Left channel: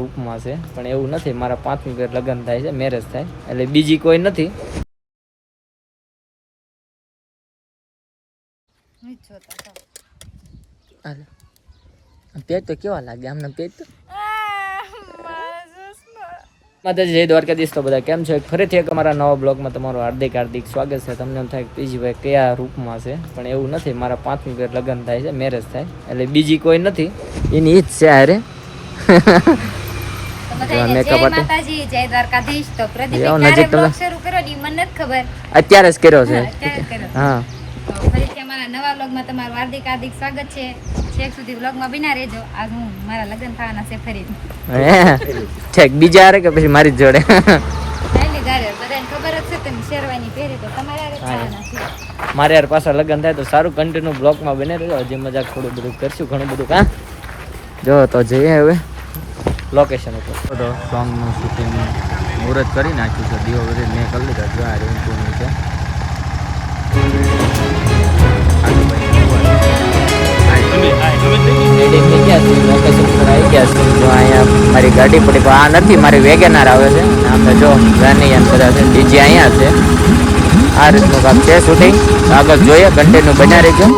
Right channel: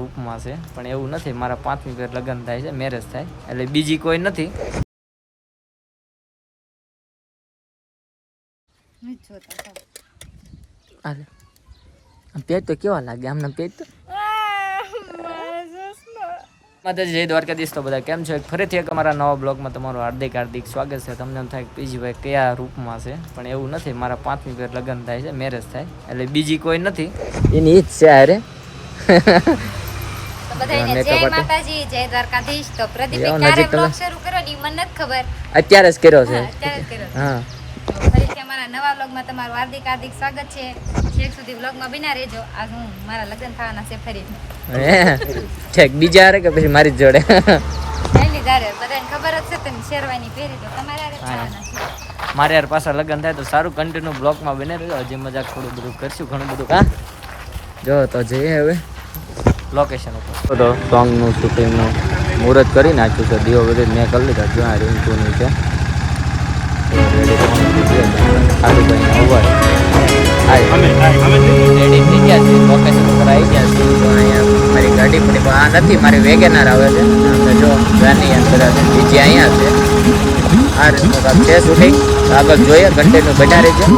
રૂપમાં છે પણ એવું નથી. મારા પાંચમી ઘર લગ્ન થાય છે મેરેજ થાય. એટલે બીજી કોઈ નથી. પેટ તો કેવા લાગે? આમના પેટ માતાજી જય દ્વારકાધીશ તો બધા. કેમ છો? એક ફરીથી એક અમારા નવા બ્લોગમાં તમારું હાર્દિક હાર્દિક સ્વાગત છે. તમને એમ થાય કે પીજીભાઈ કયા રૂપમાં છે પણ એવું નથી. મારા પાંચમી ઘર લગ્ન થાય છે મેરેજ થાય. એટલે બીજી કોઈ નથી. એની ઈજ છે અરે. બધાયને જય માતાજી જય દ્વારકાધીશ. તો પ્રદીપ એવો ક્યારે નજીક તો બ્લોગ શરૂ કર્યો ઈ મને નથી ખબર. અત્યારે જ કર્યો છે. અત્યારે જ કર્યો હા. ફરીથી અમારા નવા બ્લોગમાં તમારું હાર્દિક હાર્દિક સ્વાગત છે. છેક સુધી બ્લોગમાં બિના રહેજો. આજ હું મારા લગ્ન થવાના છે ફરી. હે? બીજા હારે કે પછી મારી જોડે? પહેલી ગારે બધાને ખબર જ છે તમે શેરવાની પહેરી તો તમારે. થવાના છે. મારે યાર પાછા લગ્ન થાય તો સારું કન્ટિન્યુ બ્લોગમાં બને રહેજો. હજી મજાક થોડું બધું કરશું ઘણું બધું. કા જો તો જઈએ હવે. લોકેશન ઉપર. તો સોંગનું શૂટિંગનું મુહૂર્ત કરી નાખ્યું છે. દીવો બધું મેં કરી લીધા છે. આ રિંકુની છે. રેડી થઈ ગયા છે. લોકેશન ઉપર આવી ગયા છે. તો અહીંયા મારી ગાડી પડી. પણ આ નથી. મારી વેગેનાર આવે છે. આમને જો અંદર બીજી અહીંયા છે. આ રીતનું કામ છે. શૂટિંગ આગળ જોઈએ. કન્ટિન્યુ બજારે ગયો.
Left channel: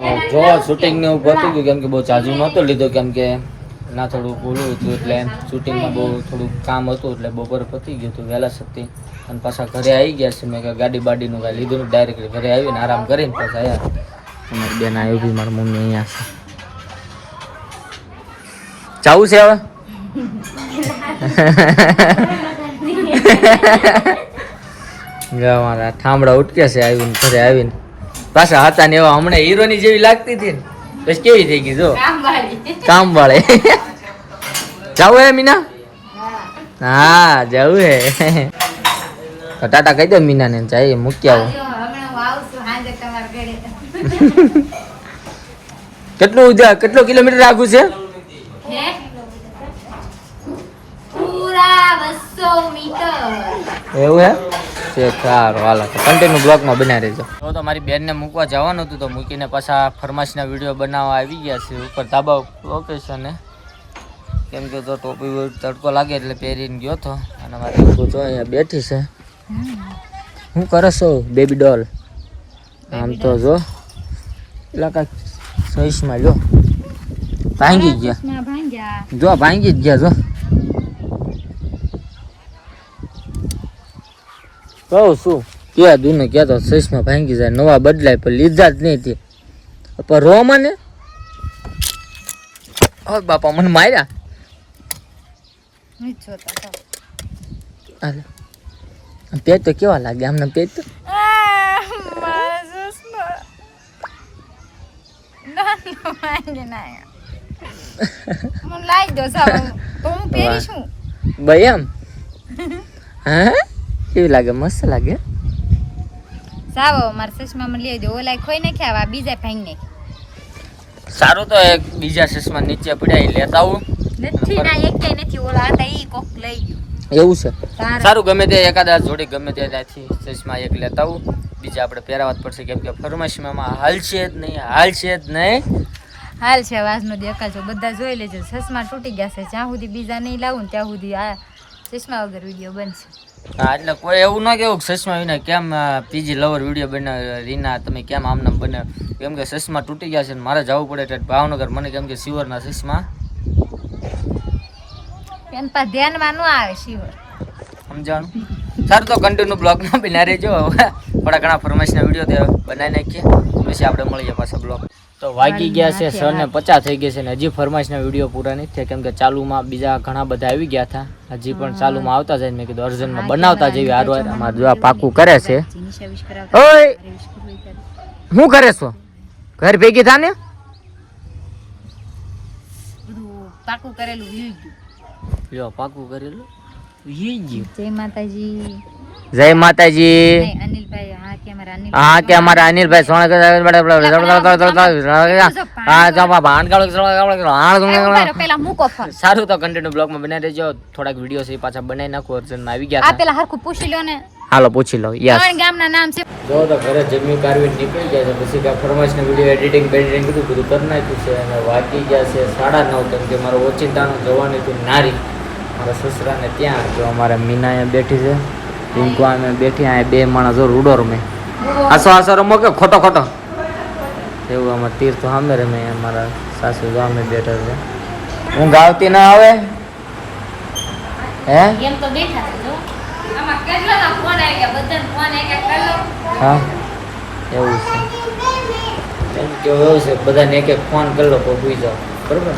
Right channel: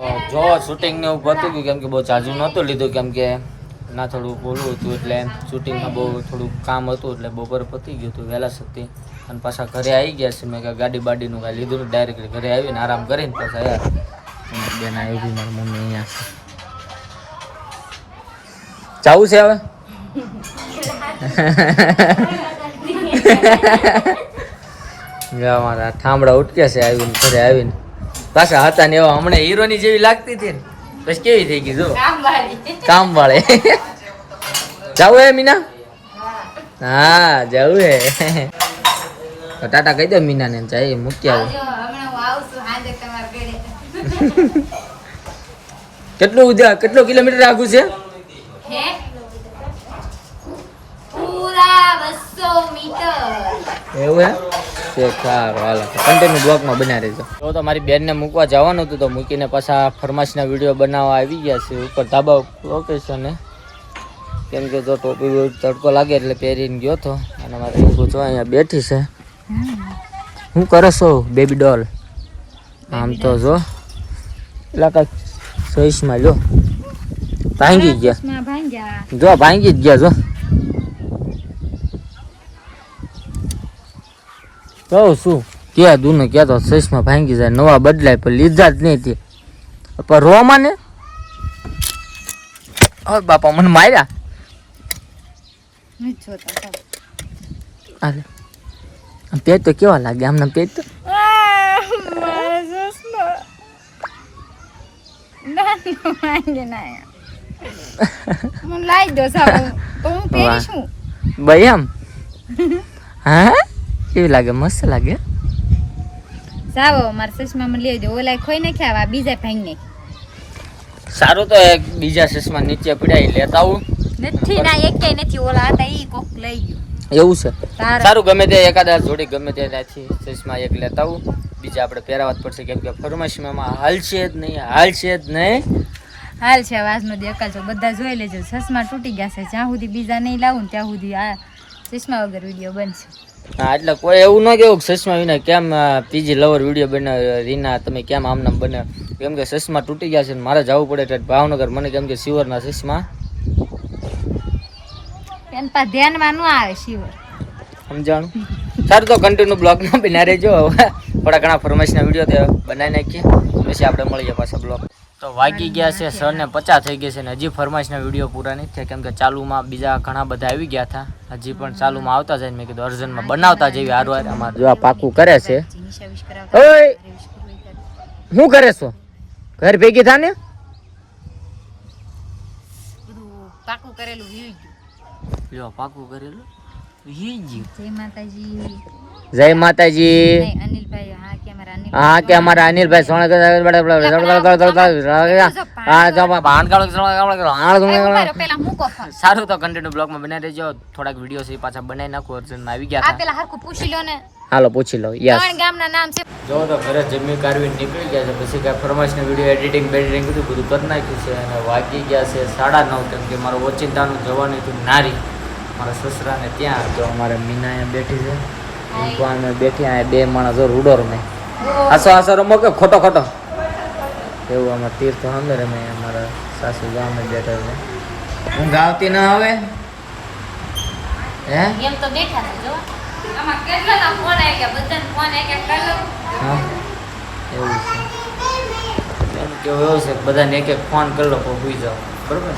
જો શૂટિંગ ને એવું હતું કેમ કે બહુ ચાજુ નહોતું લીધું કેમ કે ના થોડું ઓલું હતું એટલે શૂટિંગમાં બહુ થોડું કામ હતું એટલે બપોર પતી ગયું હતું વહેલા સતી. અને પાછા ઘરે આવી ગયા છે મેં કે ગાડી બાડીનું કાંઈ લીધું ડાયરેક્ટ ઘરે આવીને આરામ કરીને પાછા આવ્યા અમારી બેન આવી બી મારી મમ્મી અહીંયા છે. જવું છે હવે? જવાના ઠામડા ઉટકે છે આવીને ઘરે આવીને. પાછા હતા ને એવા હમણાં હીરોની જેવી લાગતી હતી ને. પછી કેવી થઈ ગઈ જો? કામ વાળી જવું હે મીના? હા. જવું હે. તો ટાટા કહી દે મીના ને જાય મૂકી આવો. કેટલું કેટલો કિલોમીટર આગું છે? પૂરા બસો મીટર એવું હે? સારું હાલો. કન્ટિન્યુ બ્લોકમાં બનાવી દેજો. તો તો મારી બેનને મૂકવા જવાનું હતું તો મૂકીને પાછા ફરમાશના વીડિયો બનાવવા આવી ગયા છે. ઉપર ધાબા લોકેશને કેમ કે તો ટોપી તડકો લાગે એટલે પહેરીને ગયો તો. અને મારી જો અહીંયા બેઠી છે. હું કરશો છો બેબી ડોલ આમ તો જો. એટલે કાંઈક ચોઈસમાં જો ભાંગી ગયા. જો ભાંગી જ ગયા જો. નો શું? કે દુને કહેતો ચશ્મા ભાંગી જાય નવા બદલાય પણ લીધા જ નહીં તે. પણ રો મને. હવે બાપા મને માર્યા? તો. પેટ તો કેવા લાગે આમના પેટ? તો દો સાવ તો હું પહેરીશું ભાઈ આમ હા? કેવી લાગે મસ્ત લાગે. સાવો માર ચશ્મા માં લઈ દો ઓલા ખોઈ નાખ્યા આવા બીજા ભાઈ ને સારું તો એક બીજા ચશ્મા નીચે પડ્યા લેતા આવું. નથી ના એક નથી. ઓલા હતા ઈ કોક લઈ ગયો. એવું છે? સારું. ગમે તે એકાદા જોડી ગમે તે ત્યાંથી ચશ્મા એક લેતા આવું. બીજા આપણે પહેરાવા જ પડશે કેમ કે ફરમાશીમાં હાલશે જ નહીં હાલશે જ નહીં. હાલ છે વાસનો દેખાજો બધા જોઈ લેજો. ચશ્મા તૂટી ગયા છે. જ્યાં સુધી બીજા નહીં લાવું ત્યાં સુધી આ ચશ્મા વગર વીડિયો બનશે. હા એટલે કોઈ એવું ન કેવું કે સસમા વિના કેમ પીજી લવર વીડિયો બને રીના તમે કેમ આમ નામ બને? કેમ કે સસમા તૂટી ગયા છે ને મારે જવું પડે એટલે ભાવનગર. મને કેમ કે સિવરના સસમા. એન પર ધ્યાનમાં ન આવે શિવર. સમજાણું? સારું તો કન્ટિન્યુ બ્લોગમાં બના રહેજો હવે. થોડા ઘણા ફરમાઈશના વીડિયો બનાવી નાખીએ. પછી આપણે મળીએ પાછા બ્લોગ. તો વાગી ગયા છે સર ને પચાસ થઈ ગયા છે ને હજી ફરમાઈશના વીડિયો પૂરા નથી થયા કેમ કે ચાલુમાં બીજા ઘણા બધા આવી ગયા હતા હજી પણ ચાલુમાં આવતા જાય મેં કીધું અર્જનમાં બનાવતા જેવી હારવાર અમારે પાકું કરે છે. શું કરે છો ઘર ભેગી થા ને પાકું કરેલું જો પાકું કરેલું જય માતાજી જય માતાજી. હા કે અમારા અનિલ હા કે અમારા અનિલભાઈ સોના પેલા મૂકો ફોન. સારું તો કન્ટિન્યુ બ્લોગમાં બનાવી દેજો. થોડાક વીડિયો છે પાછા બનાવી નાખો. અર્જનમાં આવી ગયા પેલા હરખું પૂછી લો ને. હાલો પૂછી લો. ત્રણ ગામના નામ છે. જો તો ઘરે જમી કારવી નીકળી ગયા છે. પછી કાંઈ ફરમાઈશનો વીડિયો એડિટિંગ બેડિટિંગ બધું બધું કરી નાખ્યું છે અને વાગી ગયા છે સાડા નવ. કેમ કે મારો ઓચિંતાનું જવાનું હતું નારી. મારા સસરાને ત્યાં તો અમારા મીના બેઠી છે. ભગવાન બેઠી બે માણસ રૂડો રમે આસો આસો રમો કે ખોટો ખોટો. એવું અમારે તીર્થ સામે રમે અમારા સાસુ ગામે બેઠા છે. હું ગાવતી ના આવે? હે? એમ તો બેઠા આમાં કેટલા ફોન આવી ગયા બધાને ફોન એક એક કરી હા એવું છે. એમ કેવું એવું છે બધાને એક એક ફોન કરી લો તો ભૂઈ જાઓ બરોબર?